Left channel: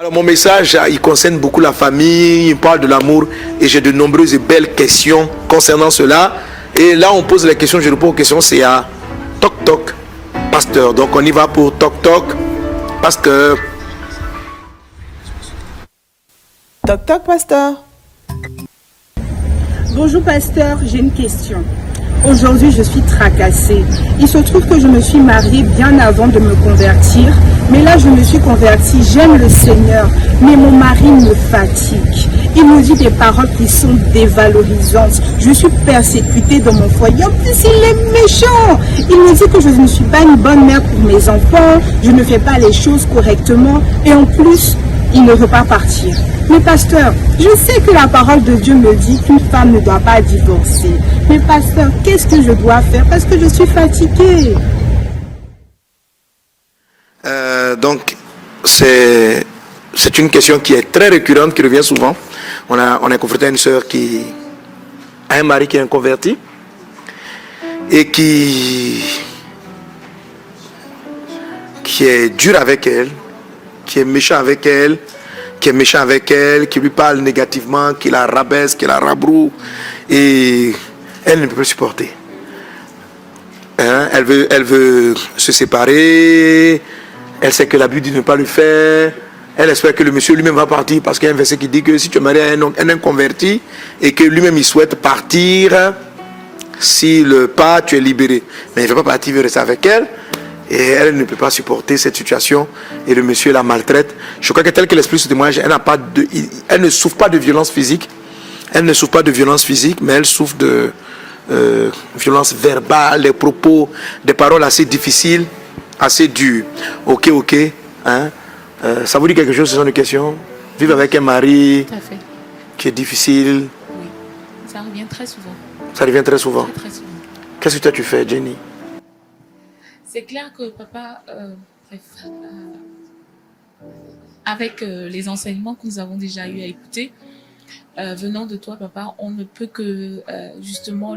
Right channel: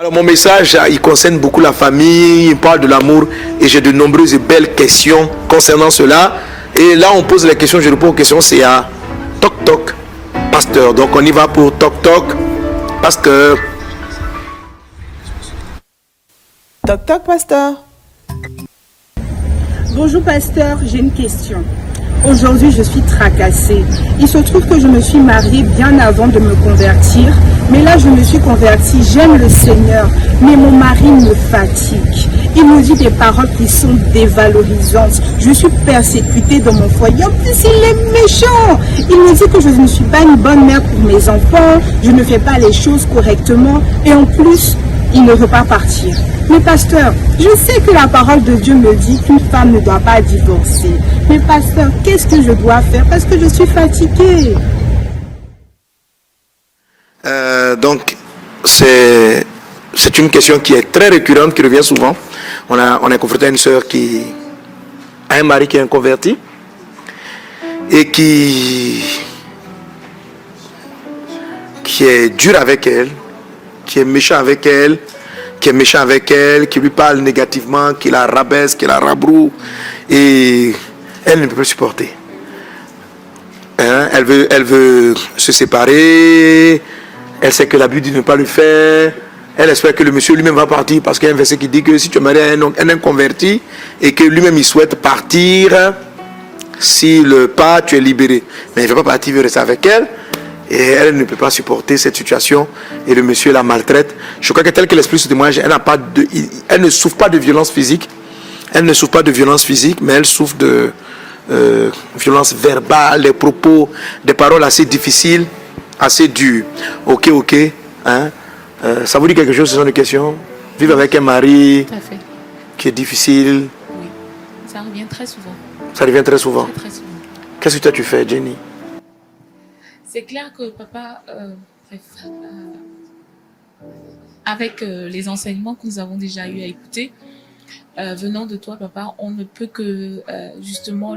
Alors mon message, il concerne beaucoup la famille, il parle de l'amour et j'ai de nombreuses et belles questions concernant cela. Et là, on pose les questions, je réponds aux questions, c'est à Toc Toc, pasteur. Donc on y va pour Toc Toc, pasteur. Toc Toc, pasteur. Bonjour pasteur, j'ai une question. Aujourd'hui, je suis tracassée. Il se trouve que je me suis mariée bien avant de me convertir. Mais là, je me suis convertie, j'aime le Seigneur. Mais mon mari me fatigue. Il me dit des paroles qui sont dévalorisantes. Je suis persécutée dans mon foyer. En plus, il est méchant. Il me dit que je ne suis pas une bonne mère pour mes enfants. Je ne fais pas les choses correctement. Et en plus, il ne veut pas partir. Mais pasteur, je sais que la parole de Dieu me dit qu'une femme ne doit pas divorcer. Mais pasteur, qu'est-ce que je dois faire parce que je suis fatiguée? Donc, c'est une question qui est très récurrente, qui revient souvent. On est confronté à une sœur qui a un mari qui est inconverti et qui est dur avec elle, qui est méchant avec elle, qui lui parle négativement, qui la rabaisse, qui la rabroue, et elle ne peut pas supporter. Elle veut se séparer, elle sait que la Bible dit de ne pas le faire, elle espère que le monsieur lui-même va partir parce qu'il y a un verset qui dit que si tu maries un inconverti et que lui-même il souhaite partir, s'il part, tu es libéré. Mais il ne veut pas partir, il veut rester avec elle. Et elle ne peut pas supporter cette situation et le monsieur la maltraite. Je crois que tel que l'esprit se témoigne, elle ne souffre pas de violence physique. Elle ne souffre pas de violence physique, mais elle souffre de violence verbale, des propos, des paroles assez difficiles, assez dures. Ok. Hein? Ça vous dit quelque chose, ce sont des questions? Vivre avec un mari qui est difficile. Oui, ça revient très souvent. Ça revient très souvent. Très souvent. Qu'est-ce que toi tu fais, Jenny? C'est clair que papa, avec les enseignements que nous avons déjà eu à écouter, venant de toi, papa, on ne peut que justement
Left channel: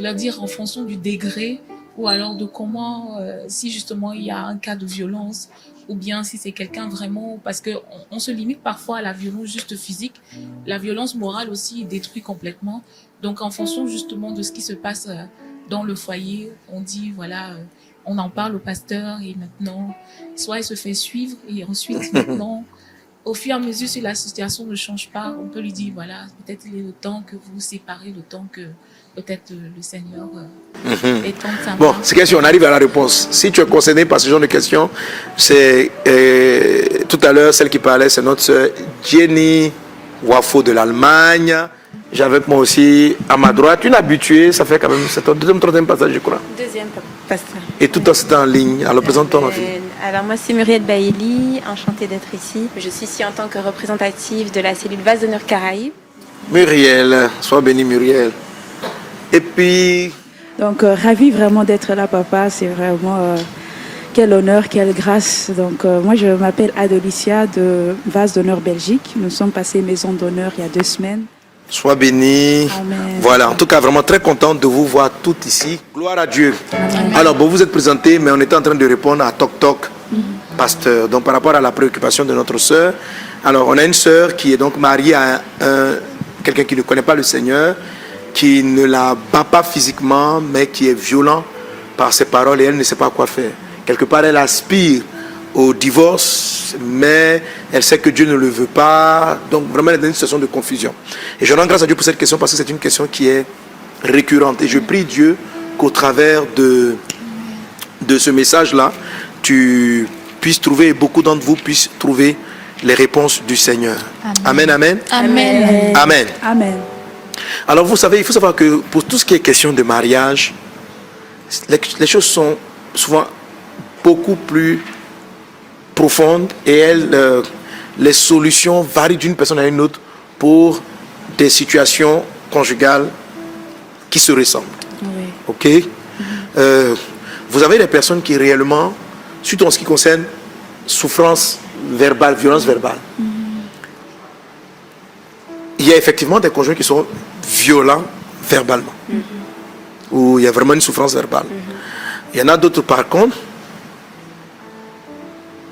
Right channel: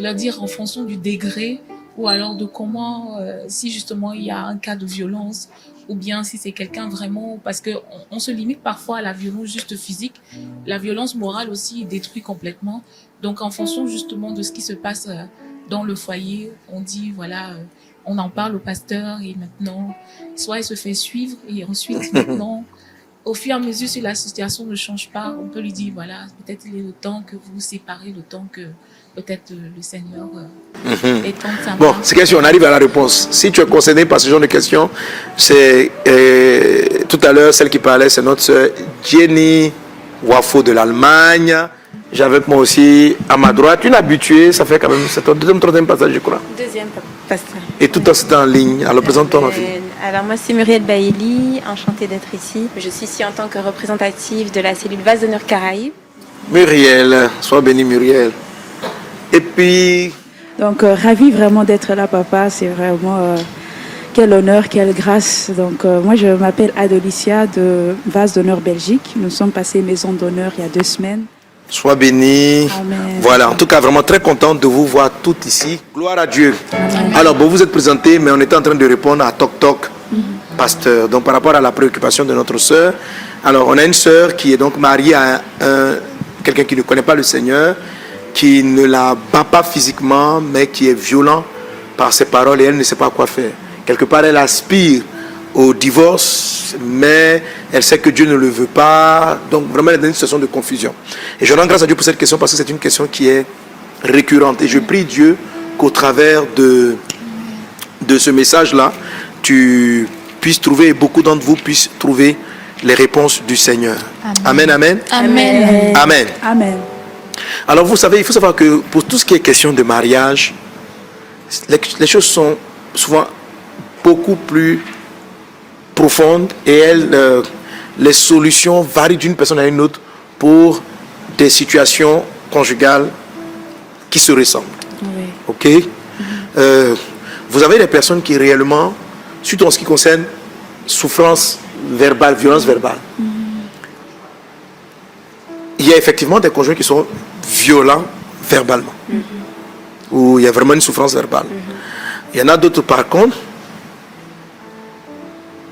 leur dire en fonction du degré ou alors de comment, si justement il y a un cas de violence ou bien si c'est quelqu'un vraiment, parce que on se limite parfois à la violence juste physique, la violence morale aussi détruit complètement. Donc en fonction justement de ce qui se passe dans le foyer, on dit voilà. On en parle au pasteur et maintenant, soit il se fait suivre et ensuite maintenant, au fur et à mesure si la situation ne change pas, on peut lui dire voilà, peut-être il est le temps que vous vous séparez, le temps que peut-être le Seigneur est temps de Bon, c'est question, on arrive à la réponse. Si tu es concerné par ce genre de questions, c'est tout à l'heure, celle qui parlait, c'est notre sœur Jenny Wafo de l'Allemagne. J'avais moi aussi à ma droite une habituée, ça fait quand même, c'est ton deuxième, troisième passage, je crois. Deuxième pasteur. Et tout ça, c'était en ligne. Alors, présente-toi, ma fille. Alors, moi, c'est Muriel Bailly, enchantée d'être ici. Je suis ici en tant que représentative de la cellule Vase d'honneur Caraïbes. Muriel, sois bénie, Muriel. Et puis... Donc, ravie vraiment d'être là, papa. C'est vraiment quel honneur, quelle grâce. Donc, moi, je m'appelle Adolicia de Vase d'honneur Belgique. Nous sommes passés maison d'honneur il y a 2 semaines. Sois béni. Amen. Voilà, en tout cas, vraiment très content de vous voir toutes ici. Gloire à Dieu. Amen. Alors, bon, vous êtes présentés, mais on était en train de répondre à Toc Toc, pasteur. Donc, par rapport à la préoccupation de notre sœur. Alors, on a une sœur qui est donc mariée à quelqu'un qui ne connaît pas le Seigneur, qui ne la bat pas physiquement, mais qui est violent par ses paroles et elle ne sait pas quoi faire. Quelque part, elle aspire au divorce, mais elle sait que Dieu ne le veut pas. Donc vraiment, elle est dans une situation de confusion. Et je rends grâce à Dieu pour cette question parce que c'est une question qui est récurrente. Et je prie Dieu qu'au travers de ce message-là, tu puisses trouver, beaucoup d'entre vous puissent trouver les réponses du Seigneur. Amen, amen. Amen. Amen. Amen. Alors vous savez, il faut savoir que pour tout ce qui est question de mariage, les choses sont souvent beaucoup plus profonde et les solutions varient d'une personne à une autre pour des situations conjugales qui se ressemblent. Oui. Ok? Vous avez des personnes qui réellement, surtout en ce qui concerne souffrance verbale, violence verbale, il y a effectivement des conjoints qui sont violents verbalement, où il y a vraiment une souffrance verbale. Il y en a d'autres par contre,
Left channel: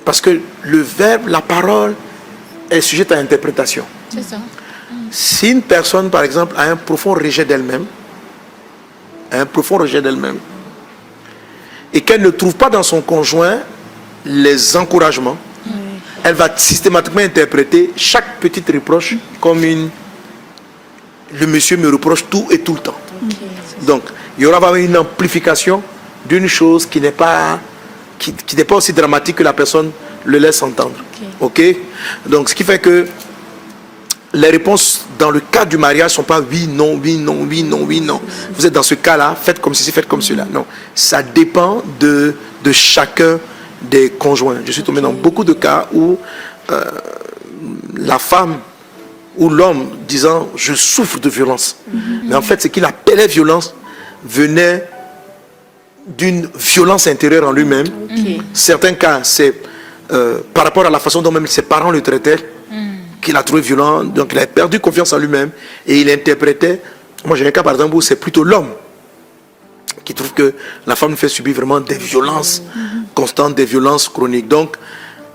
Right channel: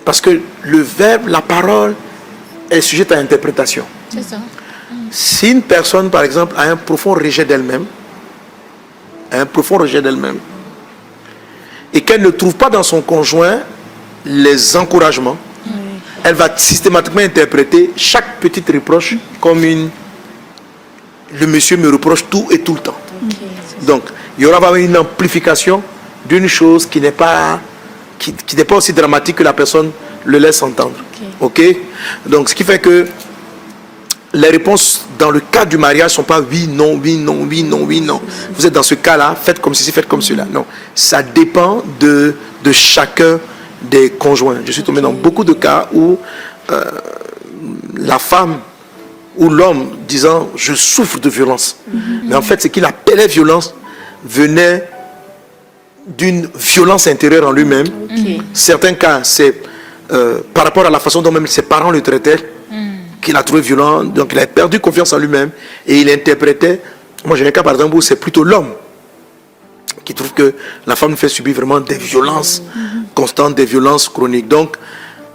parce que le verbe, la parole est sujette à interprétation. C'est ça. Si une personne, par exemple, a un profond rejet d'elle-même, et qu'elle ne trouve pas dans son conjoint les encouragements, elle va systématiquement interpréter chaque petite reproche comme le monsieur me reproche tout et tout le temps. Donc, il y aura une amplification d'une chose qui n'est pas aussi dramatique que la personne le laisse entendre. Ok? Donc, ce qui fait que les réponses dans le cas du mariage ne sont pas oui, non, oui, non, oui, non, oui, non. Vous êtes dans ce cas-là, faites comme ceci, faites comme cela. Non, ça dépend de chacun des conjoints. Je suis tombé dans beaucoup de cas où la femme ou l'homme disant je souffre de violence. Mais en fait, ce qu'il appelait violence venait d'une violence intérieure en lui-même. Certains cas, c'est par rapport à la façon dont même ses parents le traitaient, qu'il a trouvé violent, donc il a perdu confiance en lui-même et il interprétait. Moi j'ai un cas par exemple où c'est plutôt l'homme qui trouve que la femme fait subir vraiment des violences constantes, des violences chroniques. Donc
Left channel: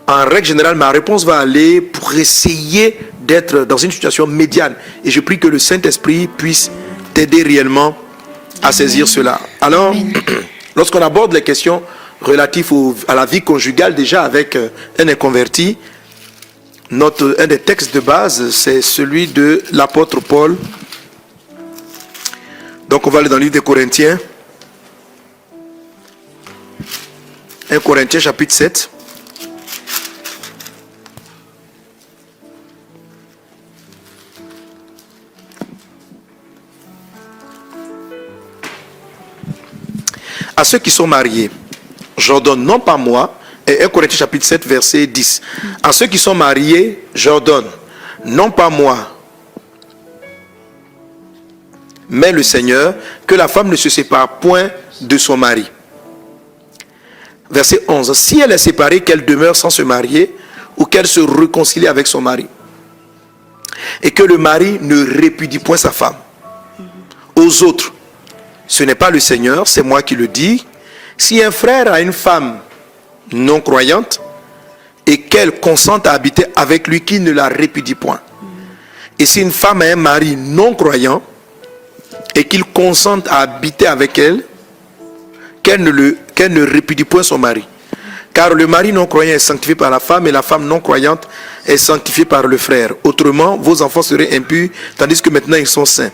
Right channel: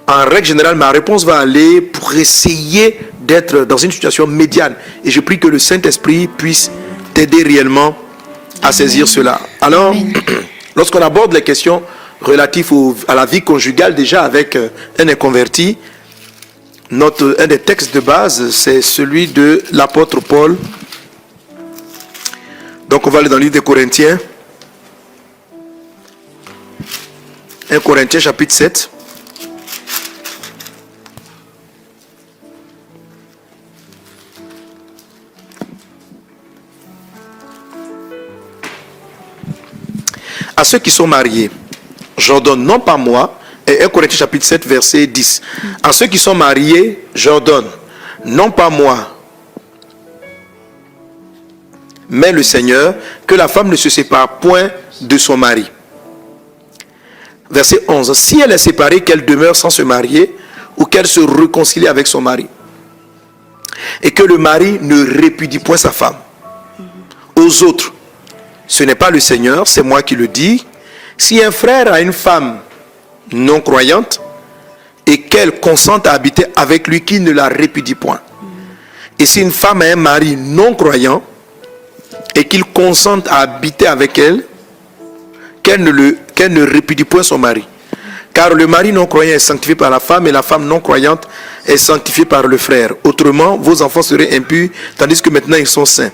en règle générale ma réponse va aller pour essayer d'être dans une situation médiane et je prie que le Saint-Esprit puisse t'aider réellement à saisir cela. Alors lorsqu'on aborde les questions relatives à la vie conjugale déjà avec un inconverti, un des textes de base, c'est celui de l'apôtre Paul. Donc on va aller dans le livre des Corinthiens. 1 Corinthiens chapitre 7. À ceux qui sont mariés, j'ordonne non pas moi, et 1 Corinthiens chapitre 7 verset 10. À ceux qui sont mariés, j'ordonne, non pas moi, mais le Seigneur, que la femme ne se sépare point de son mari. Verset 11. Si elle est séparée, qu'elle demeure sans se marier, ou qu'elle se réconcilie avec son mari. Et que le mari ne répudie point sa femme. Aux autres, ce n'est pas le Seigneur, c'est moi qui le dis. Si un frère a une femme non croyante et qu'elle consente à habiter avec lui, qui ne la répudie point. Et si une femme a un mari non croyant et qu'il consente à habiter avec elle, qu'elle ne répudie point son mari. Car le mari non croyant est sanctifié par la femme et la femme non croyante est sanctifiée par le frère. Autrement, vos enfants seraient impurs tandis que maintenant ils sont saints.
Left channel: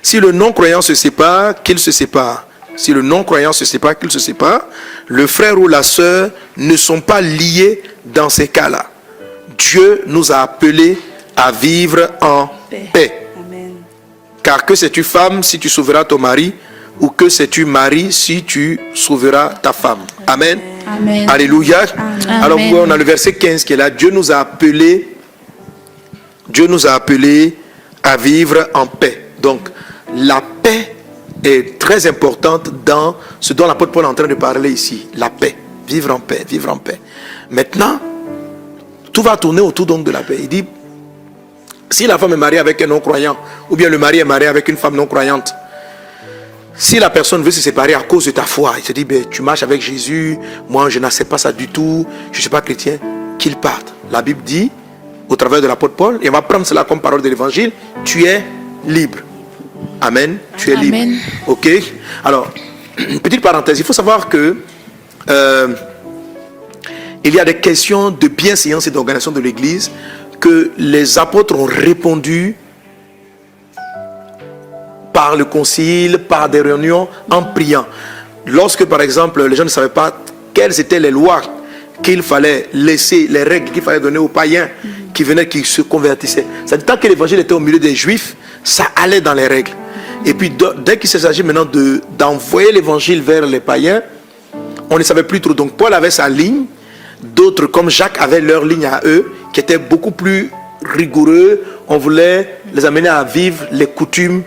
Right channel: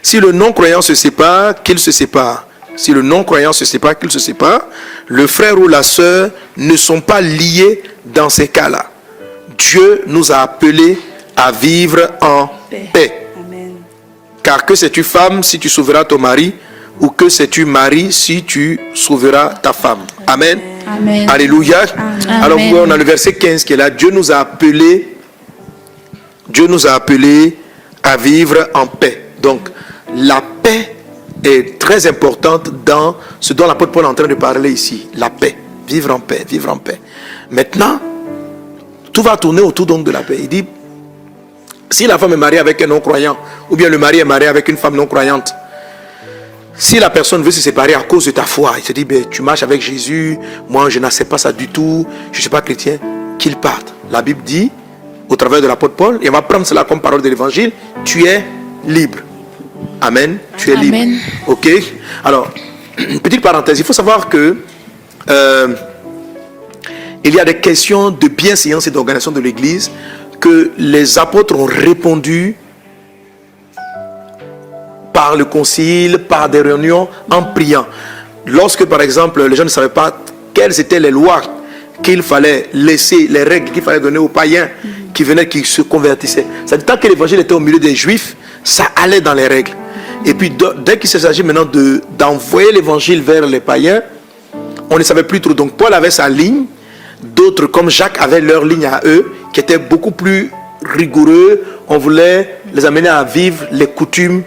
Si le non croyant se sépare, qu'il se sépare. Si le non croyant se sépare, qu'il se sépare. Le frère ou la sœur ne sont pas liés dans ces cas-là. Dieu nous a appelés à vivre en paix. Amen. Car que sais-tu femme si tu sauveras ton mari, ou que sais-tu mari si tu sauveras ta femme. Amen. Amen. Alléluia. Amen. Alors on a le verset 15 qui est là. Dieu nous a appelés à vivre en paix. Donc la paix est très importante dans ce dont l'apôtre Paul est en train de parler ici. La paix. Vivre en paix. Vivre en paix. Maintenant, tout va tourner autour donc de la paix. Il dit, si la femme est mariée avec un non-croyant, ou bien le mari est marié avec une femme non-croyante, si la personne veut se séparer à cause de ta foi, il se dit, ben, tu marches avec Jésus, moi je n'accepte pas ça du tout, je ne suis pas chrétien, qu'il parte. La Bible dit, au travers de l'apôtre Paul, et on va prendre cela comme parole de l'évangile, tu es libre. Amen. Tu es libre. Amen. Ok. Alors, une petite parenthèse. Il faut savoir que il y a des questions de bienséance et d'organisation de l'Église que les apôtres ont répondu par le concile, par des réunions, en priant. Lorsque, par exemple, les gens ne savaient pas quelles étaient les lois qu'il fallait laisser, les règles qu'il fallait donner aux païens qui venaient, qui se convertissaient. C'est-à-dire, tant que l'évangile était au milieu des Juifs, ça allait dans les règles. Et puis, dès qu'il s'agit maintenant d'envoyer l'évangile vers les païens, on ne savait plus trop. Donc, Paul avait sa ligne. D'autres, comme Jacques, avaient leur ligne à eux, qui était beaucoup plus rigoureux. On voulait les amener à vivre les coutumes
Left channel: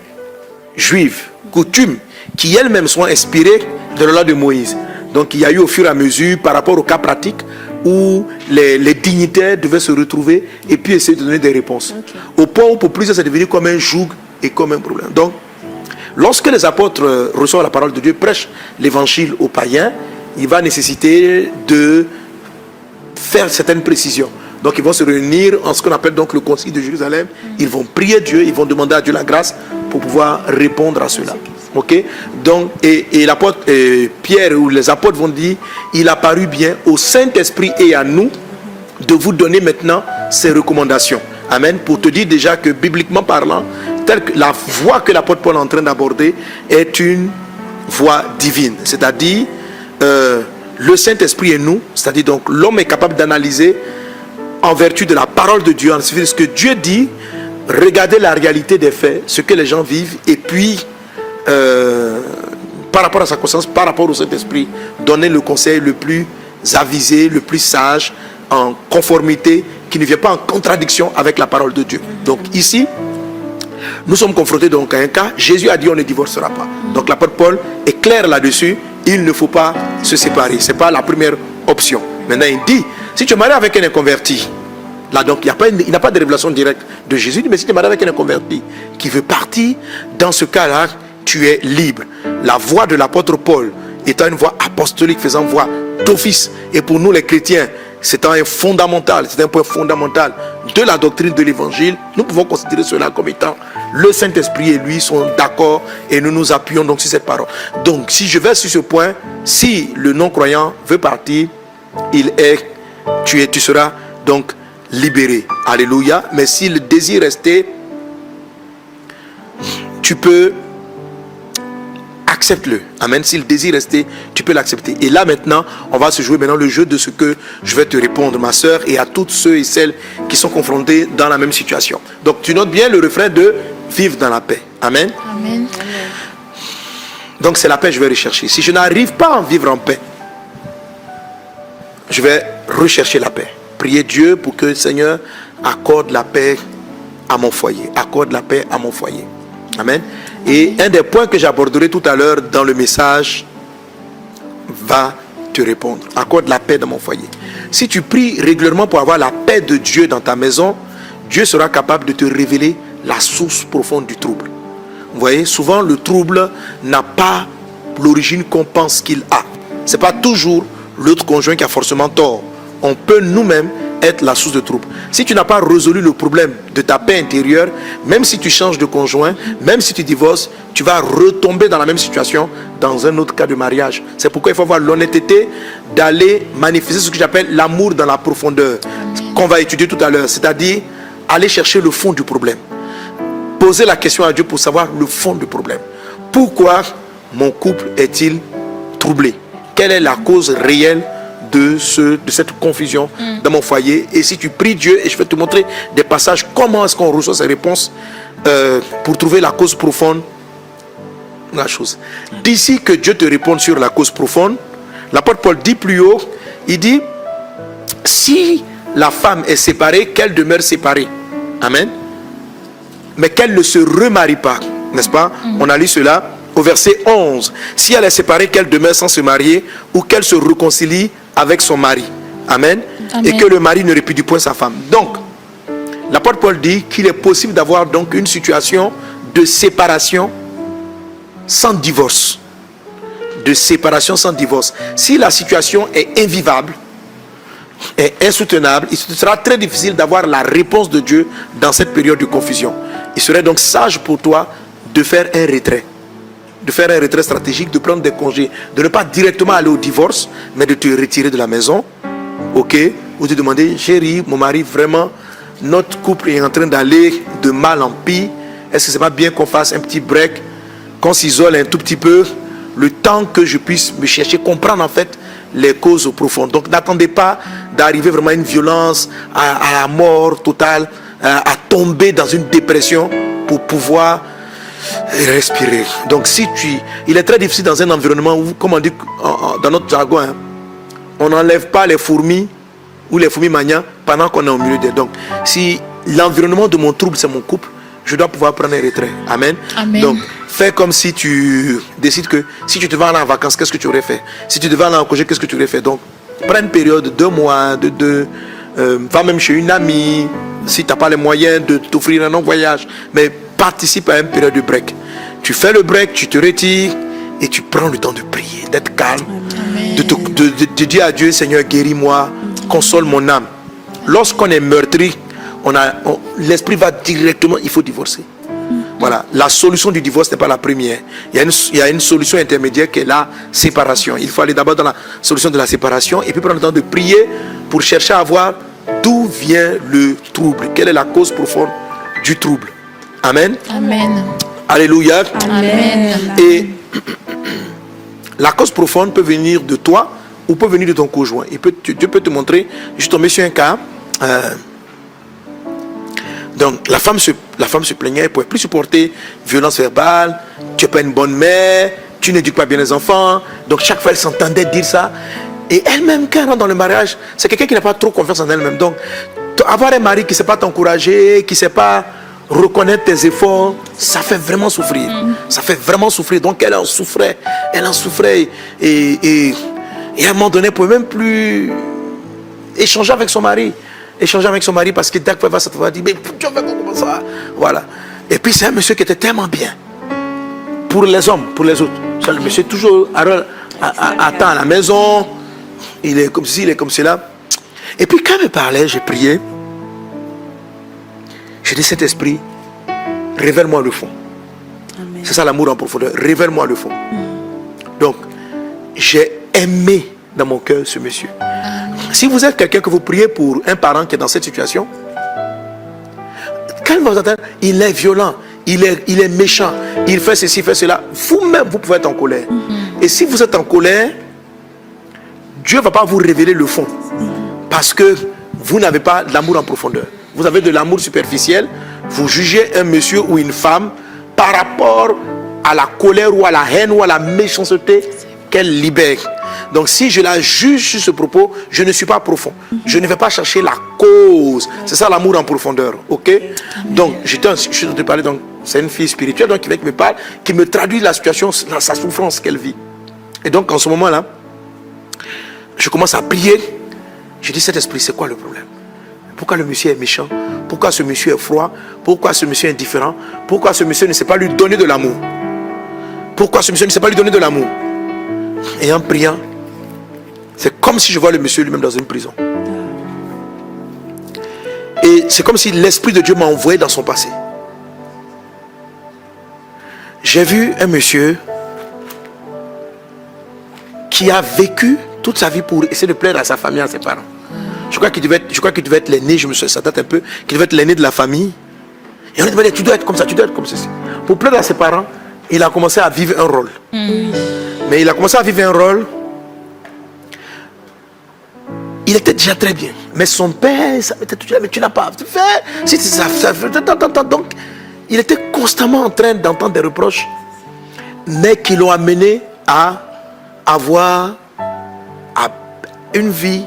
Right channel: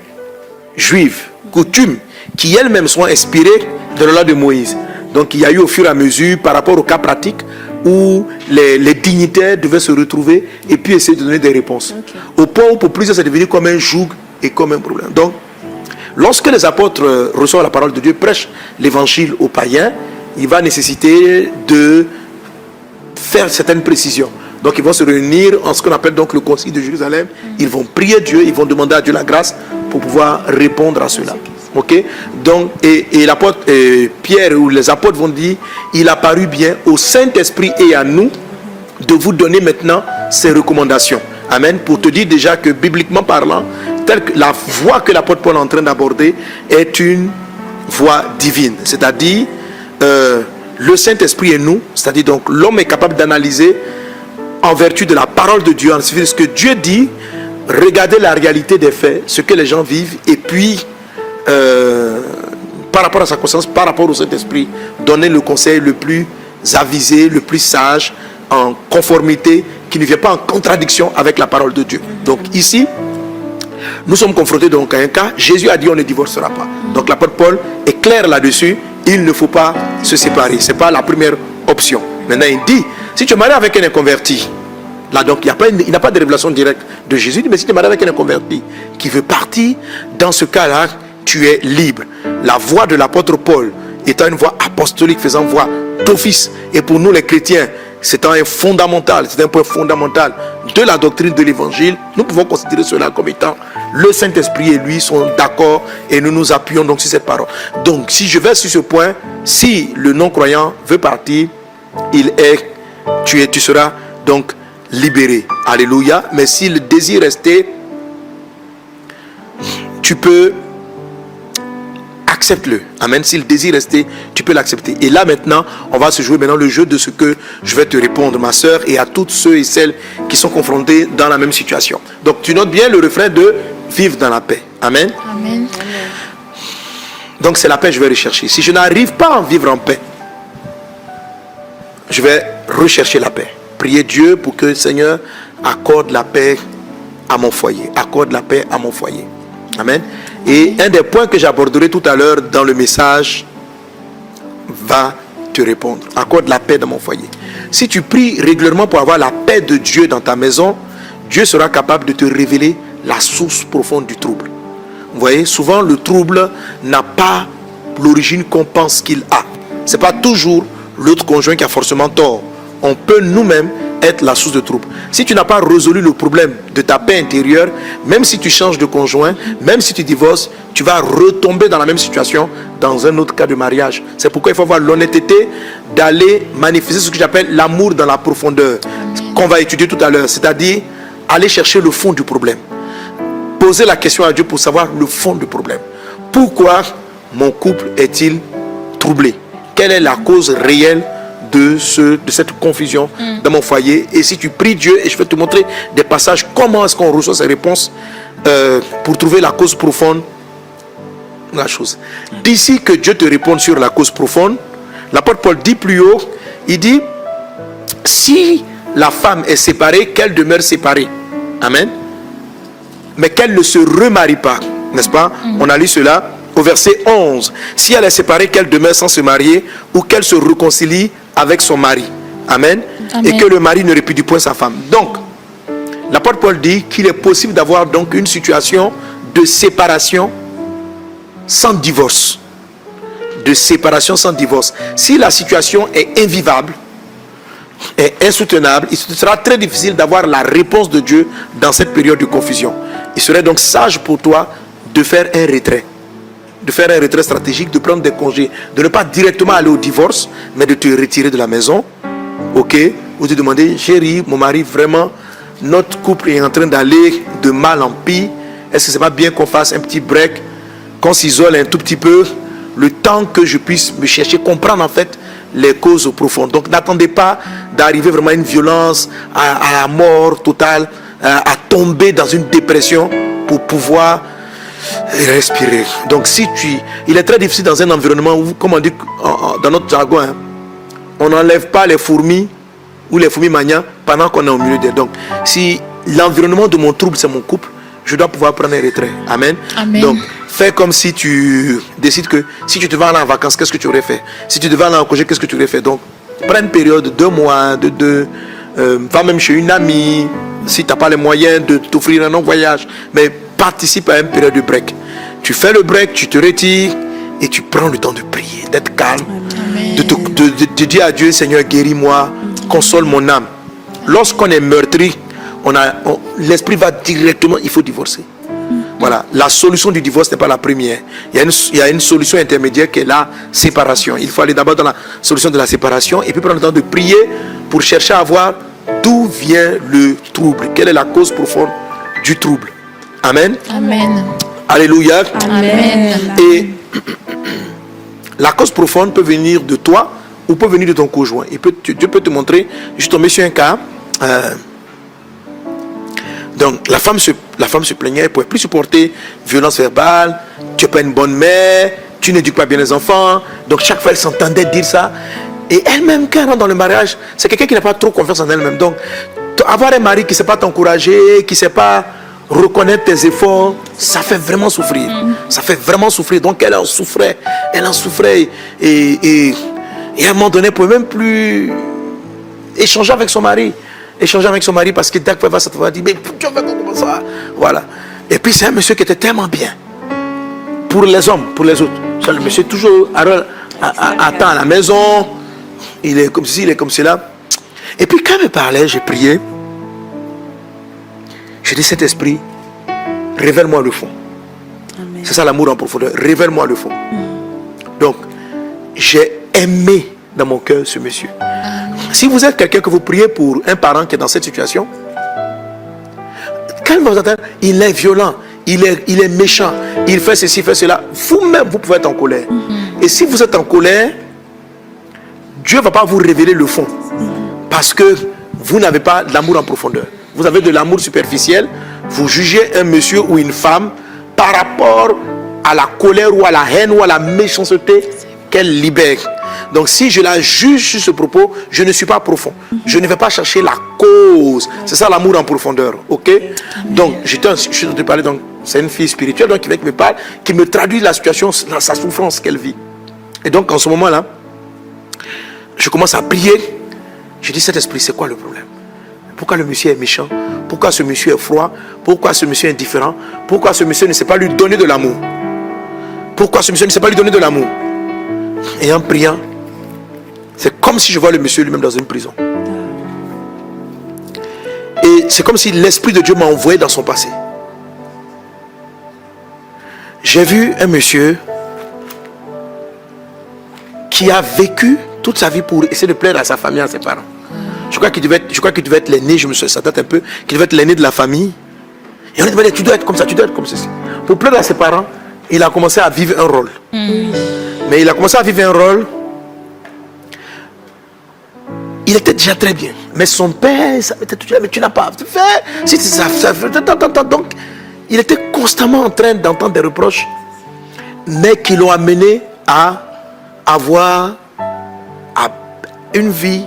juives. Coutumes qui elles-mêmes sont inspirées de la loi de Moïse. Donc, il y a eu au fur et à mesure, par rapport au cas pratique, où les dignitaires devaient se retrouver et puis essayer de donner des réponses. Okay. Au point où pour plusieurs, c'est devenu comme un joug et comme un problème. Donc, lorsque les apôtres reçoivent la parole de Dieu, prêchent l'évangile aux païens, il va nécessiter de faire certaines précisions. Donc ils vont se réunir en ce qu'on appelle donc le concile de Jérusalem. Ils vont prier Dieu, ils vont demander à Dieu la grâce pour pouvoir répondre à cela. Ok? Donc, et l'apôtre Pierre ou les apôtres vont dire, il a paru bien au Saint-Esprit et à nous de vous donner maintenant ces recommandations. Amen. Pour te dire déjà que bibliquement parlant, telle que la voie que l'apôtre Paul est en train d'aborder est une voie divine. C'est-à-dire, le Saint-Esprit et nous, c'est-à-dire donc l'homme est capable d'analyser en vertu de la parole de Dieu, en suivant ce que Dieu dit, regarder la réalité des faits, ce que les gens vivent, et puis par rapport à sa conscience, par rapport au Saint-Esprit, donner le conseil le plus avisé, le plus sage, en conformité, qui ne vient pas en contradiction avec la parole de Dieu. Donc ici, nous sommes confrontés donc à un cas. Jésus a dit on ne divorcera pas. Donc l'apôtre Paul est clair là-dessus. Il ne faut pas se séparer. Ce n'est pas la première option. Maintenant il dit, si tu es marié avec un inconverti, là donc il n'a pas de révélation directe de Jésus, mais si tu es marié avec un inconverti qui veut partir, dans ce cas-là, tu es libre. La voix de l'apôtre Paul étant une voix apostolique, faisant voix d'office, et pour nous les chrétiens, c'est un fondamental, c'est un point fondamental de la doctrine de l'évangile. Nous pouvons considérer cela comme étant le Saint-Esprit et lui sont d'accord et nous nous appuyons donc sur cette parole. Donc si je vais sur ce point, si le non-croyant veut partir, tu seras donc libéré. Alléluia. Mais si le désir restait, tu peux accepte-le. Amen. Si le désir restait, tu peux l'accepter. Et là maintenant, on va se jouer maintenant le jeu de ce que je vais te répondre, ma soeur, et à toutes ceux et celles qui sont confrontés dans la même situation. Donc tu notes bien le refrain de vivre dans la paix. Amen. Amen. Donc c'est la paix que je vais rechercher. Si je n'arrive pas à vivre en paix, je vais rechercher la paix. Prier Dieu pour que le Seigneur accorde la paix à mon foyer. Accorde la paix à mon foyer. Amen. Et un des points que j'aborderai tout à l'heure dans le message va te répondre. Accorde la paix dans mon foyer. Si tu pries régulièrement pour avoir la paix de Dieu dans ta maison, Dieu sera capable de te révéler la source profonde du trouble. Vous voyez, souvent le trouble n'a pas l'origine qu'on pense qu'il a. Ce n'est pas toujours l'autre conjoint qui a forcément tort. On peut nous-mêmes être la source de trouble. Si tu n'as pas résolu le problème de ta paix intérieure, même si tu changes de conjoint, même si tu divorces, tu vas retomber dans la même situation dans un autre cas de mariage. C'est pourquoi il faut avoir l'honnêteté d'aller manifester ce que j'appelle l'amour dans la profondeur, qu'on va étudier tout à l'heure, c'est-à-dire aller chercher le fond du problème. Poser la question à Dieu pour savoir le fond du problème. Pourquoi mon couple est-il troublé? Quelle est la cause réelle de cette confusion dans mon foyer? Et si tu pries Dieu, et je vais te montrer des passages, comment est-ce qu'on reçoit ces réponses pour trouver la cause profonde de la chose. D'ici que Dieu te réponde sur la cause profonde, l'apôtre Paul dit plus haut, il dit, si la femme est séparée, qu'elle demeure séparée. Amen. Mais qu'elle ne se remarie pas, n'est-ce pas? On a lu cela au verset 11. Si elle est séparée, qu'elle demeure sans se marier ou qu'elle se réconcilie avec son mari. Amen. Amen. Et que le mari ne répudie point sa femme. Donc, l'apôtre Paul dit qu'il est possible d'avoir donc une situation de séparation sans divorce. De séparation sans divorce. Si la situation est invivable, est insoutenable, il sera très difficile d'avoir la réponse de Dieu dans cette période de confusion. Il serait donc sage pour toi de faire un retrait. De faire un retrait stratégique, de prendre des congés, de ne pas directement aller au divorce, mais de te retirer de la maison, ok, ou de demander, chérie, mon mari, vraiment, notre couple est en train d'aller de mal en pis, est-ce que c'est pas bien qu'on fasse un petit break, qu'on s'isole un tout petit peu, le temps que je puisse me chercher, comprendre en fait les causes profondes. Donc n'attendez pas d'arriver vraiment à une violence, à la mort totale, à tomber dans une dépression pour pouvoir respirer. Donc il est très difficile dans un environnement où, comme on dit dans notre jargon, hein, on n'enlève pas les fourmis ou les fourmis manias pendant qu'on est au milieu d'elles. Donc si l'environnement de mon trouble c'est mon couple, je dois pouvoir prendre un retrait. Amen. Amen. Donc fais comme si tu décides que si tu devais aller en vacances, qu'est-ce que tu aurais fait? Si tu devais aller en congé, qu'est-ce que tu aurais fait? Donc prends une période de 2 mois, va même chez une amie, si tu n'as pas les moyens de t'offrir un long voyage, mais participe à une période de break. Tu fais le break, tu te retires et tu prends le temps de prier, d'être calme, de dire à Dieu, Seigneur, guéris-moi, console mon âme. lorsqu'on est meurtri, l'esprit va directement, il faut divorcer. Voilà, la solution du divorce n'est pas la première. Il y a une solution intermédiaire qui est la séparation. Il faut aller d'abord dans la solution de la séparation et puis prendre le temps de prier pour chercher à voir d'où vient le trouble. Quelle est la cause profonde du trouble. Amen. Amen. Alléluia. Amen. Et la cause profonde peut venir de toi ou peut venir de ton conjoint. Dieu peut te montrer. Je suis tombé sur un cas. Donc la femme se plaignait, elle ne pouvait plus supporter violence verbale, tu n'es pas une bonne mère, tu n'éduques pas bien les enfants. Donc chaque fois elle s'entendait dire ça. Et elle-même, quand elle rentre dans le mariage, c'est quelqu'un qui n'a pas trop confiance en elle-même. Donc avoir un mari qui ne sait pas t'encourager, qui ne sait pas reconnaître tes efforts, ça fait vraiment souffrir. Ça fait vraiment souffrir. Donc elle en souffrait. Et à un moment donné, elle ne pouvait même plus échanger avec son mari. Parce que dès qu'elle va s'attendre, elle dit, mais tu vas comment ça? Voilà. Et puis c'est un monsieur qui était tellement bien. Pour les hommes, pour les autres. Ça, le monsieur toujours attend à la maison. Il est comme ci, il est comme cela. Et puis quand elle me parlait, j'ai prié. J'ai dit, cet esprit, révèle-moi le fond. Amen. C'est ça l'amour en profondeur. Révèle-moi le fond. Donc, j'ai aimé dans mon cœur ce monsieur. Si vous êtes quelqu'un que vous priez pour un parent qui est dans cette situation, quand vous entendez, il est violent, il est méchant, il fait ceci, il fait cela, vous-même, vous pouvez être en colère. Et si vous êtes en colère, Dieu ne va pas vous révéler le fond. Parce que vous n'avez pas l'amour en profondeur. Vous avez de l'amour superficiel. Vous jugez un monsieur ou une femme par rapport à la colère ou à la haine ou à la méchanceté qu'elle libère. Donc si je la juge sur ce propos, je ne suis pas profond. Je ne vais pas chercher la cause. C'est ça l'amour en profondeur. Ok? Donc je suis en train de parler, donc c'est une fille spirituelle donc, qui me parle, qui me traduit la situation, sa souffrance qu'elle vit. Et donc en ce moment-là, je commence à prier. Je dis, cet esprit, c'est quoi le problème? Pourquoi le monsieur est méchant? Pourquoi ce monsieur est froid? Pourquoi ce monsieur est indifférent? Pourquoi ce monsieur ne sait pas lui donner de l'amour? Pourquoi ce monsieur ne sait pas lui donner de l'amour? Et en priant, c'est comme si je vois le monsieur lui-même dans une prison. Et c'est comme si l'Esprit de Dieu m'a envoyé dans son passé. J'ai vu un monsieur qui a vécu toute sa vie pour essayer de plaire à sa famille, à ses parents. Je crois qu'il devait être l'aîné, ça date un peu, qu'il devait être l'aîné de la famille. Et on lui dit, tu dois être comme ça, tu dois être comme ceci. Pour plaire à ses parents, il a commencé à vivre un rôle. Mais il a commencé à vivre un rôle. Il était déjà très bien. Mais son père, ça était tout, mais tu n'as pas fait. Donc, il était constamment en train d'entendre des reproches, mais qui l'ont amené à avoir une vie,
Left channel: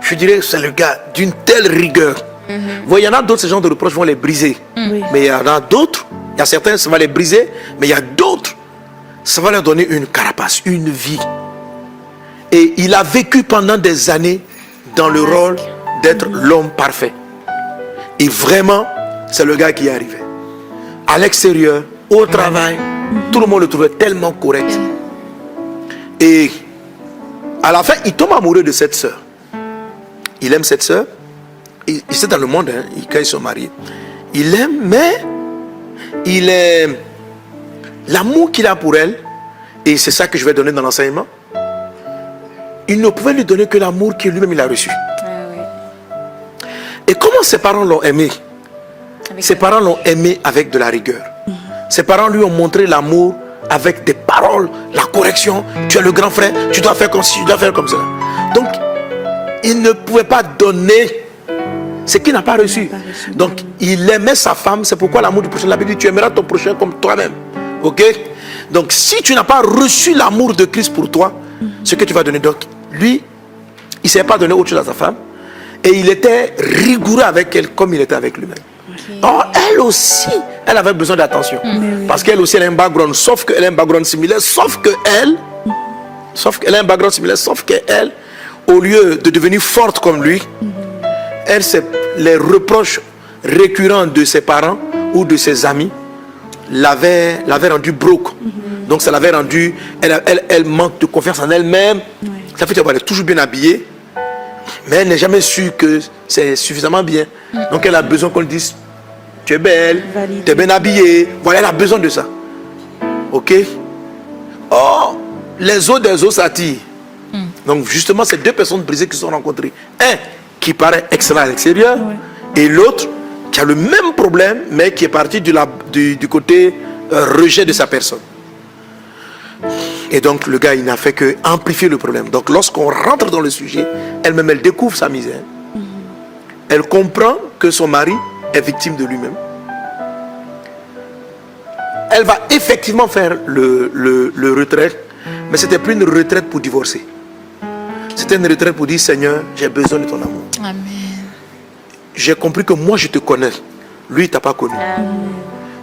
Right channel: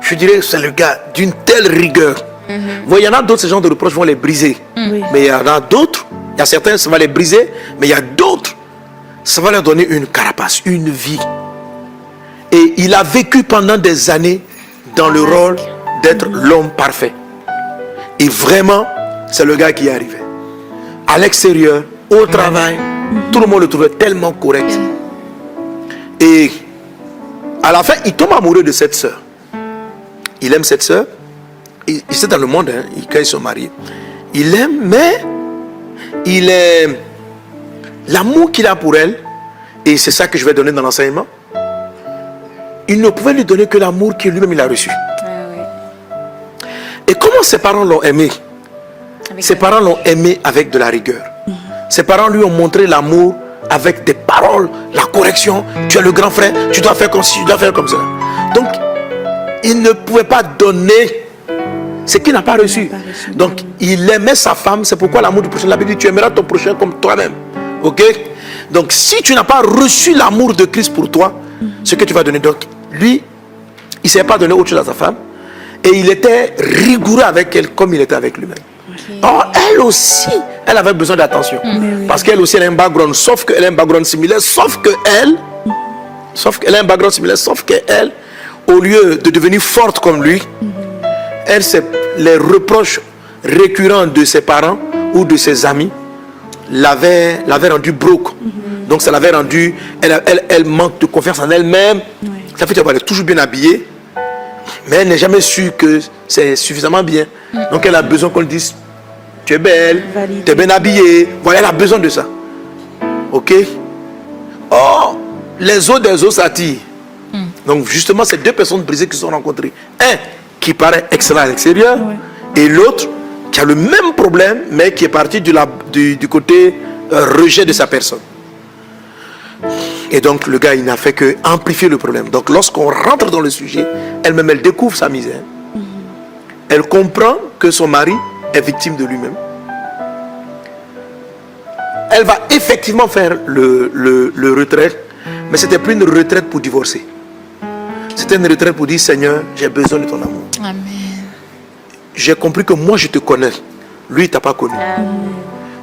je dirais, c'est le gars, d'une telle rigueur. Il y en a d'autres, ce genre de reproches vont les briser. Mais il y en a d'autres, il y a certains, ça va les briser, mais il y a d'autres, ça va leur donner une carapace, une vie. Et il a vécu pendant des années dans le rôle d'être l'homme parfait. Et vraiment, c'est le gars qui est arrivé. À l'extérieur, au travail, tout le monde le trouvait tellement correct. Et à la fin, il tombe amoureux de cette sœur. Il aime cette sœur. Il est dans le monde, hein, quand ils sont mariés. Il l'aime, mais il est l'amour qu'il a pour elle, et c'est ça que je vais donner dans l'enseignement. Il ne pouvait lui donner que l'amour que lui-même il a reçu. Et comment ses parents l'ont aimé? Ses parents l'ont aimé avec de la rigueur. Ses parents lui ont montré l'amour avec des paroles, la correction. Tu es le grand frère, tu dois faire comme ci, tu dois faire comme ça. Donc, il ne pouvait pas donner ce qu'il n'a pas reçu. Donc, il aimait sa femme. C'est pourquoi l'amour du prochain, la Bible dit, tu aimeras ton prochain comme toi-même. Ok? Donc, si tu n'as pas reçu l'amour de Christ pour toi, ce que tu vas donner. Donc, lui, il ne savait pas donner autre chose à sa femme. Et il était rigoureux avec elle comme il était avec lui-même. Or, elle aussi, elle avait besoin d'attention. Parce qu'elle aussi, elle a un background, sauf qu'elle a un background similaire, sauf qu'elle, au lieu de devenir forte comme lui, elle, c'est les reproches récurrents de ses parents ou de ses amis l'avaient rendue broke. Donc ça l'avait rendue, elle manque de confiance en elle-même. Ça fait qu'elle est toujours bien habillée. Mais elle n'est jamais sûre que c'est suffisamment bien. Donc elle a besoin qu'on lui dise, tu es belle, tu es bien habillée. Voilà, elle a besoin de ça. Ok? Or, les os des os s'attirent. Donc justement, c'est deux personnes brisées qui se sont rencontrées. Un qui paraît excellent à l'extérieur, et l'autre qui a le même problème, mais qui est parti du côté rejet de sa personne. Et donc le gars, il n'a fait que amplifier le problème. Donc lorsqu'on rentre dans le sujet, elle-même, elle découvre sa misère. Elle comprend que son mari est victime de lui-même. Elle va effectivement faire le retrait, mais c'était plus une retraite pour divorcer. C'était une retraite pour dire, Seigneur, j'ai besoin de ton amour. Amen. J'ai compris que moi je te connais, lui il t'a pas connu.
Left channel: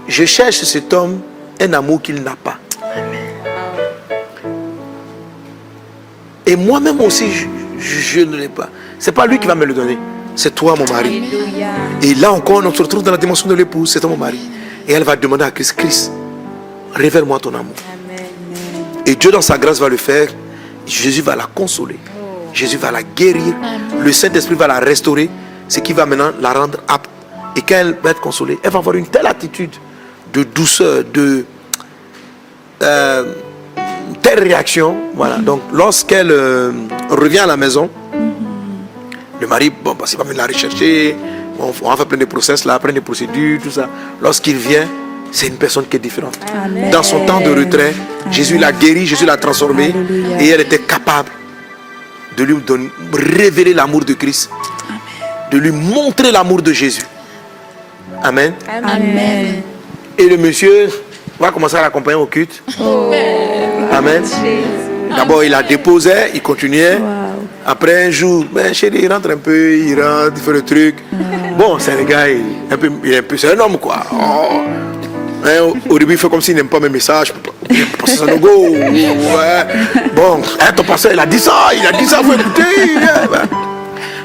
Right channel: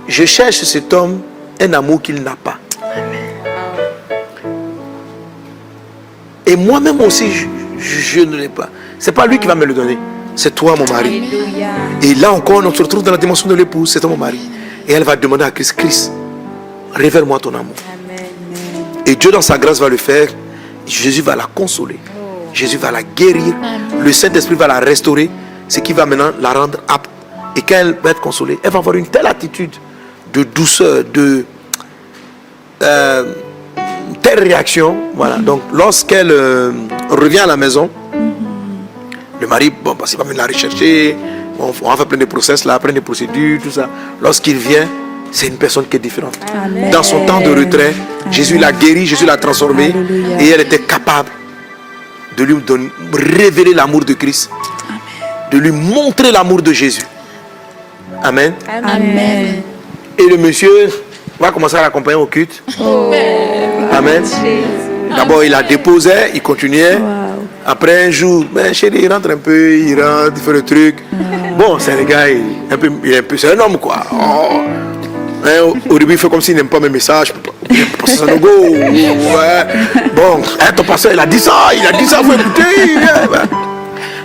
Je cherche chez cet homme un amour qu'il n'a pas. Et moi-même aussi je ne l'ai pas. C'est pas lui qui va me le donner, c'est toi mon mari. Alléluia. Et là encore on se retrouve dans la dimension de l'épouse, c'est toi mon mari. Et elle va demander à Christ, Christ, révèle-moi ton amour. Amen. Et Dieu dans sa grâce va le faire. Jésus va la consoler. Jésus va la guérir. Le Saint-Esprit va la restaurer. Ce qui va maintenant la rendre apte. Et quand elle va être consolée, elle va avoir une telle attitude de douceur, de telle réaction. Voilà. Donc lorsqu'elle revient à la maison, le mari, bon, parce qu'il va venir la rechercher. On va faire plein de process là, plein de procédures, tout ça. Lorsqu'il vient, c'est une personne qui est différente. Amen. Dans son temps de retrait, Jésus l'a guéri, Jésus l'a transformé. Alléluia. Et elle était capable de lui révéler l'amour de Christ. De lui montrer l'amour de Jésus. Amen. Amen. Et le monsieur va commencer à l'accompagner au culte. Amen. D'abord, il la déposait, il continuait. Après un jour, ben chérie, il rentre un peu, il rentre, il fait le truc. Bon, c'est un gars, c'est un homme quoi. Oh. Hein, au début, il fait comme s'il n'aime pas mes messages. C'est un go. Ouais. Bon, hein, ton pasteur, il a dit ça, faut écouter. Ouais.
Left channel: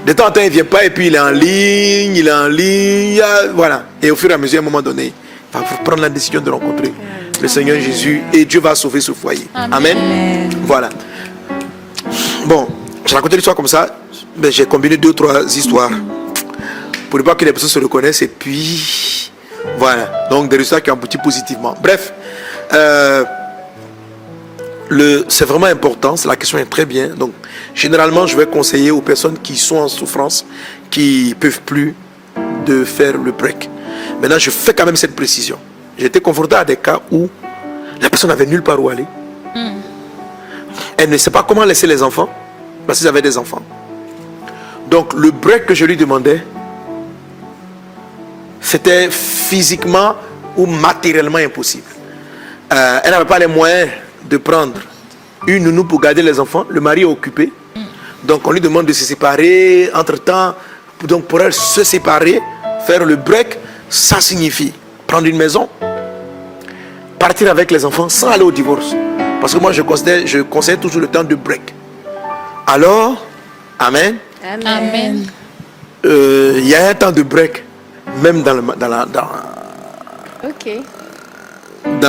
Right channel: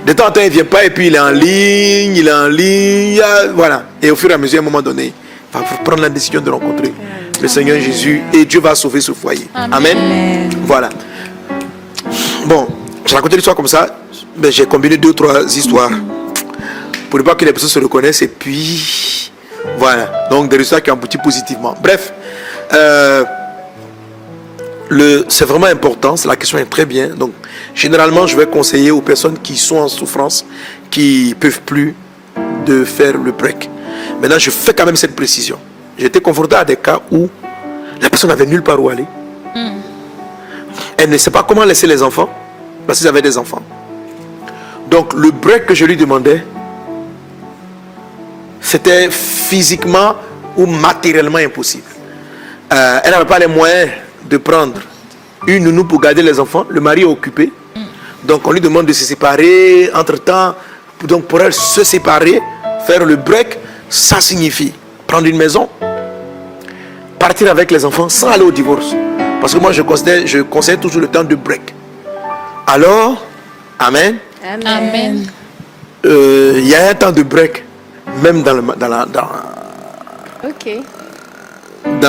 De temps en temps, il ne vient pas et puis il est en ligne, voilà. Et au fur et à mesure, à un moment donné, il va prendre la décision de rencontrer le Seigneur Jésus et Dieu va sauver ce foyer. Amen. Voilà. Bon, j'ai raconté l'histoire comme ça, mais j'ai combiné 2 ou 3 histoires pour ne pas que les personnes se reconnaissent et puis voilà. Donc des résultats qui ont abouti positivement. Bref, c'est vraiment important, la question est très bien. Donc généralement, je vais conseiller aux personnes qui sont en souffrance, qui ne peuvent plus de faire le break. Maintenant, je fais quand même cette précision. J'ai été confronté à des cas où la personne n'avait nulle part où aller. Elle ne sait pas comment laisser les enfants, parce qu'ils avaient des enfants. Donc, le break que je lui demandais, c'était physiquement ou matériellement impossible. Elle n'avait pas les moyens de prendre une nounou pour garder les enfants. Le mari est occupé. Donc, on lui demande de se séparer. Entre-temps, donc pour elle, se séparer, faire le break, ça signifie prendre une maison, partir avec les enfants sans aller au divorce. Parce que moi, je conseille toujours le temps de break. Alors, amen. Amen. Il y a un temps de break, même dans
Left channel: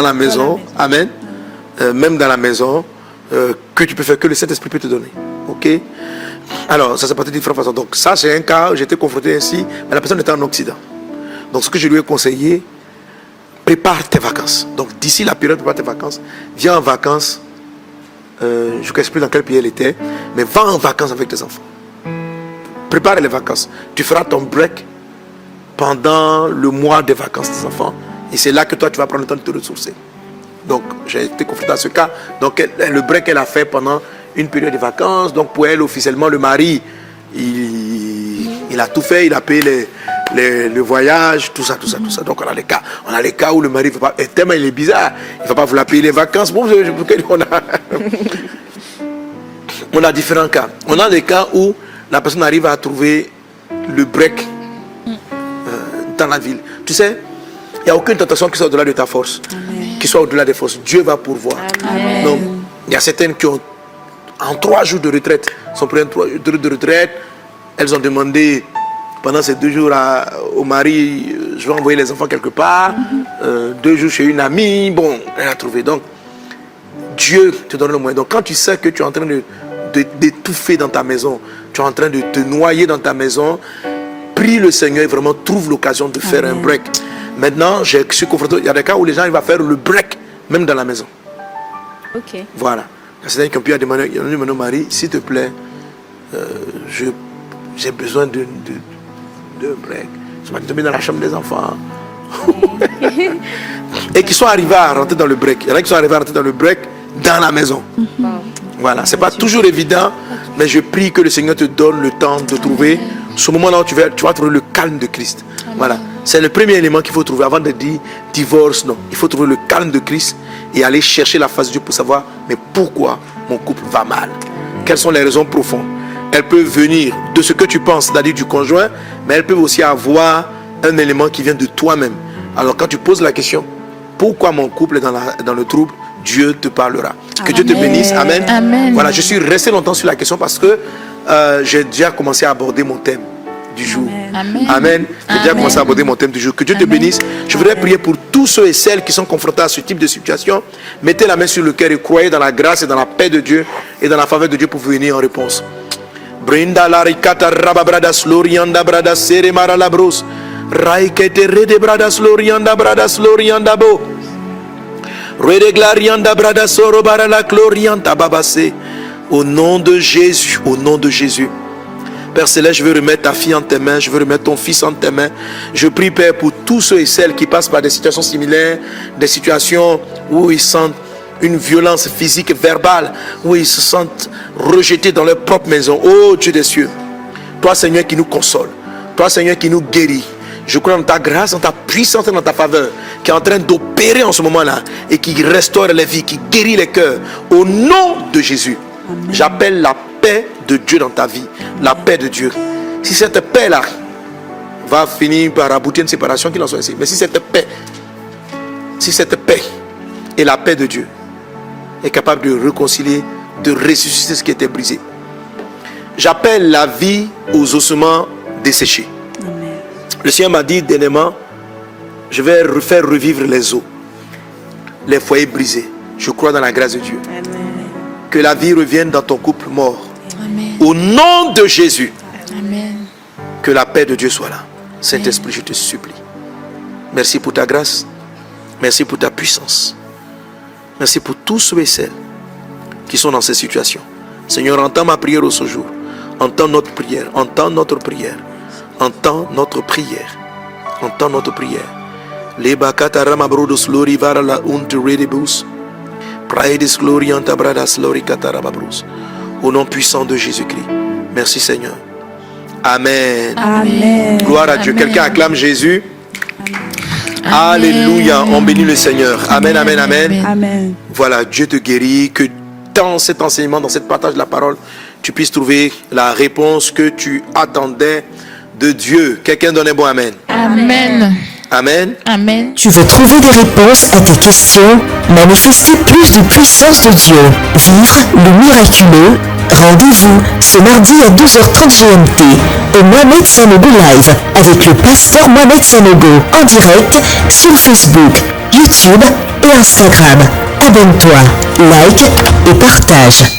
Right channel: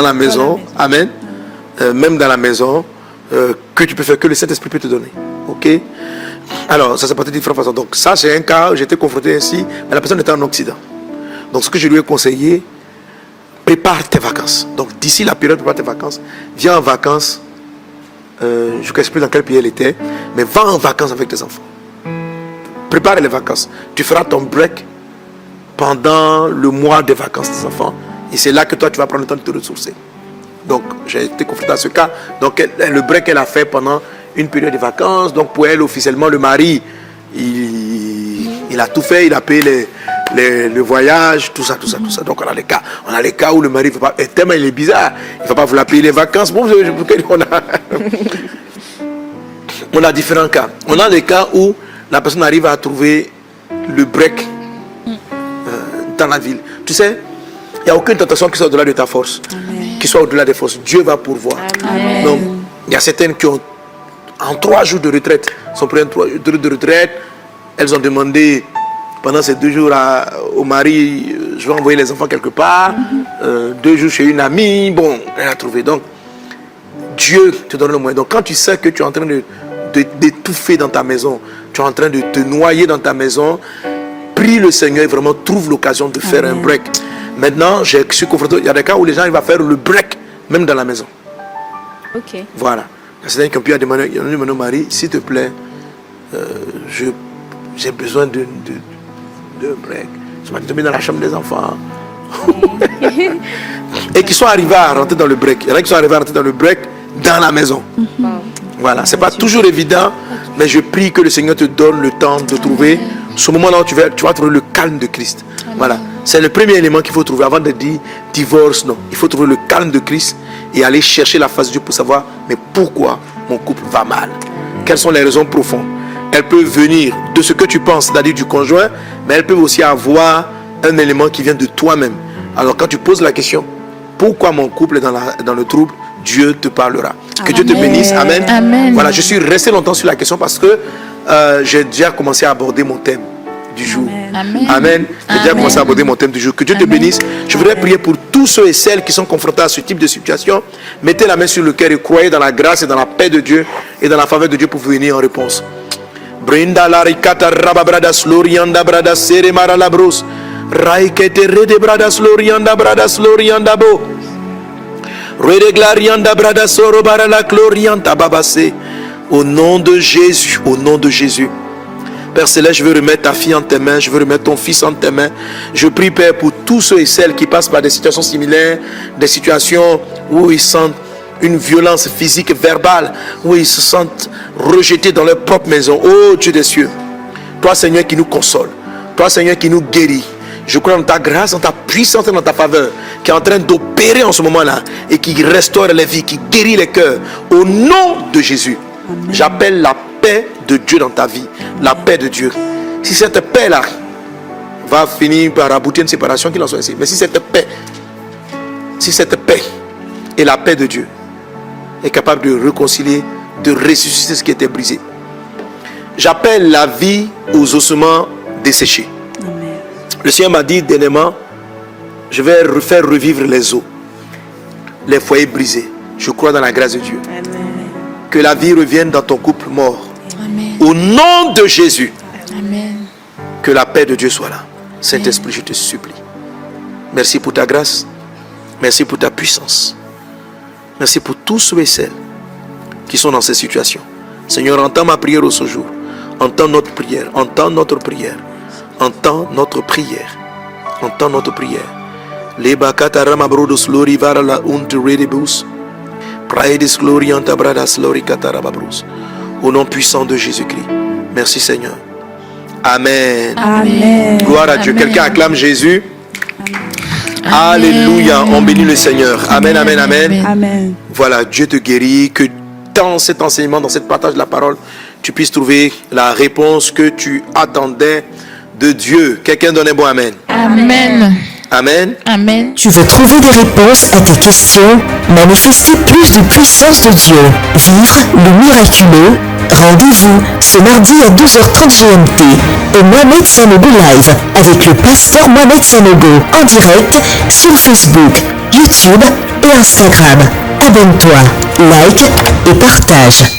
la maison. Amen. Même dans la maison, que tu peux faire, que le Saint-Esprit peut te donner. Ok? Alors, ça s'est passé de différentes façons. Donc, ça, c'est un cas où j'étais confronté ainsi, mais la personne était en Occident. Donc, ce que je lui ai conseillé, prépare tes vacances. Donc, d'ici la période, prépare tes vacances. Viens en vacances. Je ne sais plus dans quel pays elle était, mais va en vacances avec tes enfants. Prépare les vacances. Tu feras ton break pendant le mois de vacances des enfants. Et c'est là que toi, tu vas prendre le temps de te ressourcer. Donc, j'ai été confronté à ce cas. Donc, le break, elle a fait pendant une période de vacances. Donc, pour elle, officiellement, le mari, il a tout fait. Il a payé le voyage, tout ça. Donc, on a les cas où le mari ne veut pas. Et tellement il est bizarre. Il ne va pas vouloir payer les vacances. Bon, on a différents cas. On a des cas où la personne arrive à trouver le break dans la ville. Tu sais, il n'y a aucune tentation qui soit au-delà de ta force. Amen. Qui soit au-delà des forces. Dieu va pourvoir. Amen. Donc, il y a certaines qui ont, en 3 jours de retraite, sont pris 3 jours de retraite. Elles ont demandé pendant ces 2 jours au mari, je vais envoyer les enfants quelque part. 2 jours chez une amie. Bon, elle a trouvé. Donc, Dieu te donne le moyen. Donc, quand tu sais que tu es en train d'étouffer dans ta maison, tu es en train de te noyer dans ta maison, prie le Seigneur et vraiment trouve l'occasion de faire un break. Maintenant, je suis confronté, il y a des cas où les gens ils vont faire le break, même dans la maison. Ok. Voilà. C'est-à-dire qu'on peut demander, mon mari, s'il te plaît, j'ai besoin de break. Je m'en suis dans la chambre des enfants. Et qui sont arrivés à rentrer dans le break. Il y en a qui sont arrivés à rentrer dans le break dans la maison. Voilà. C'est pas toujours évident, mais je prie que le Seigneur te donne le temps de trouver ce moment-là où tu vas trouver le calme de Christ. Voilà. C'est le premier élément qu'il faut trouver avant de dire divorce. Non. Il faut trouver le calme de Christ et aller chercher la face de Dieu pour savoir, mais pourquoi mon couple va mal? Quelles sont les raisons profondes? Elles peuvent venir de ce que tu penses, c'est-à-dire du conjoint, mais elles peuvent aussi avoir un élément qui vient de toi-même. Alors quand tu poses la question, pourquoi mon couple est dans le trouble, Dieu te parlera. Que Dieu te bénisse. Amen. Amen. Voilà, je suis resté longtemps sur la question parce que j'ai déjà commencé à aborder mon thème du jour. Amen. J'ai déjà commencé à aborder mon thème du jour. Que Dieu te bénisse. Je voudrais prier pour tous ceux et celles qui sont confrontés à ce type de situation. Mettez la main sur le cœur et croyez dans la grâce et dans la paix de Dieu et dans la faveur de Dieu pour venir en réponse. Brinda la ricata rababradas lorianda bradas sere maralabros raikete rede bradas lorianda bo rede glarianda bradas soro barala glorianda babase. Au nom de Jésus, au nom de Jésus. Père Céleste, je veux remettre ta fille en tes mains, je veux remettre ton fils en tes mains. Je prie, Père, pour tous ceux et celles qui passent par des situations similaires, des situations où ils sentent une violence physique et verbale, où ils se sentent rejetés dans leur propre maison. Oh Dieu des cieux, toi Seigneur qui nous console, toi Seigneur qui nous guérit, je crois dans ta grâce, dans ta puissance et dans ta faveur, qui est en train d'opérer en ce moment-là et qui restaure les vies, qui guérit les cœurs. Au nom de Jésus, j'appelle la paix de Dieu dans ta vie, la paix de Dieu. Si cette paix-là va finir par aboutir à une séparation, qu'il en soit ainsi. Mais si cette paix et la paix de Dieu est capable de réconcilier, de ressusciter ce qui était brisé, j'appelle la vie aux ossements desséchés. Amen. Le Seigneur m'a dit dernièrement, je vais faire revivre les os, les foyers brisés. Je crois dans la grâce de Dieu. Amen. Que la vie revienne dans ton couple mort. Amen. Au nom de Jésus, Amen. que la paix de Dieu soit là. Saint-Esprit, je te supplie. Merci pour ta grâce. Merci pour ta puissance. Merci pour tous ceux et celles qui sont dans ces situations. Seigneur, entends ma prière au ce jour. Entends notre prière. Entends notre prière. Entends notre prière. Entends notre prière. Au nom puissant de Jésus-Christ. Merci Seigneur. Amen. Amen. Gloire à Dieu. Amen. Quelqu'un acclame Jésus. Alléluia. On bénit le Seigneur. Amen, amen, amen. Amen. Voilà, Dieu te guérit. Que dans cet enseignement, dans cette partage de la parole, tu puisses trouver la réponse que tu attendais de Dieu. Quelqu'un donne un bon amen. Amen. Amen. Amen. Tu veux trouver des réponses à tes questions, manifester plus de puissance de Dieu, vivre le miraculeux. Rendez-vous ce mardi à 12h30 GMT au Mohamed Sanogo Live avec le pasteur Mohamed Sanogo en direct sur Facebook, YouTube et Instagram. Abonne-toi, like et partage.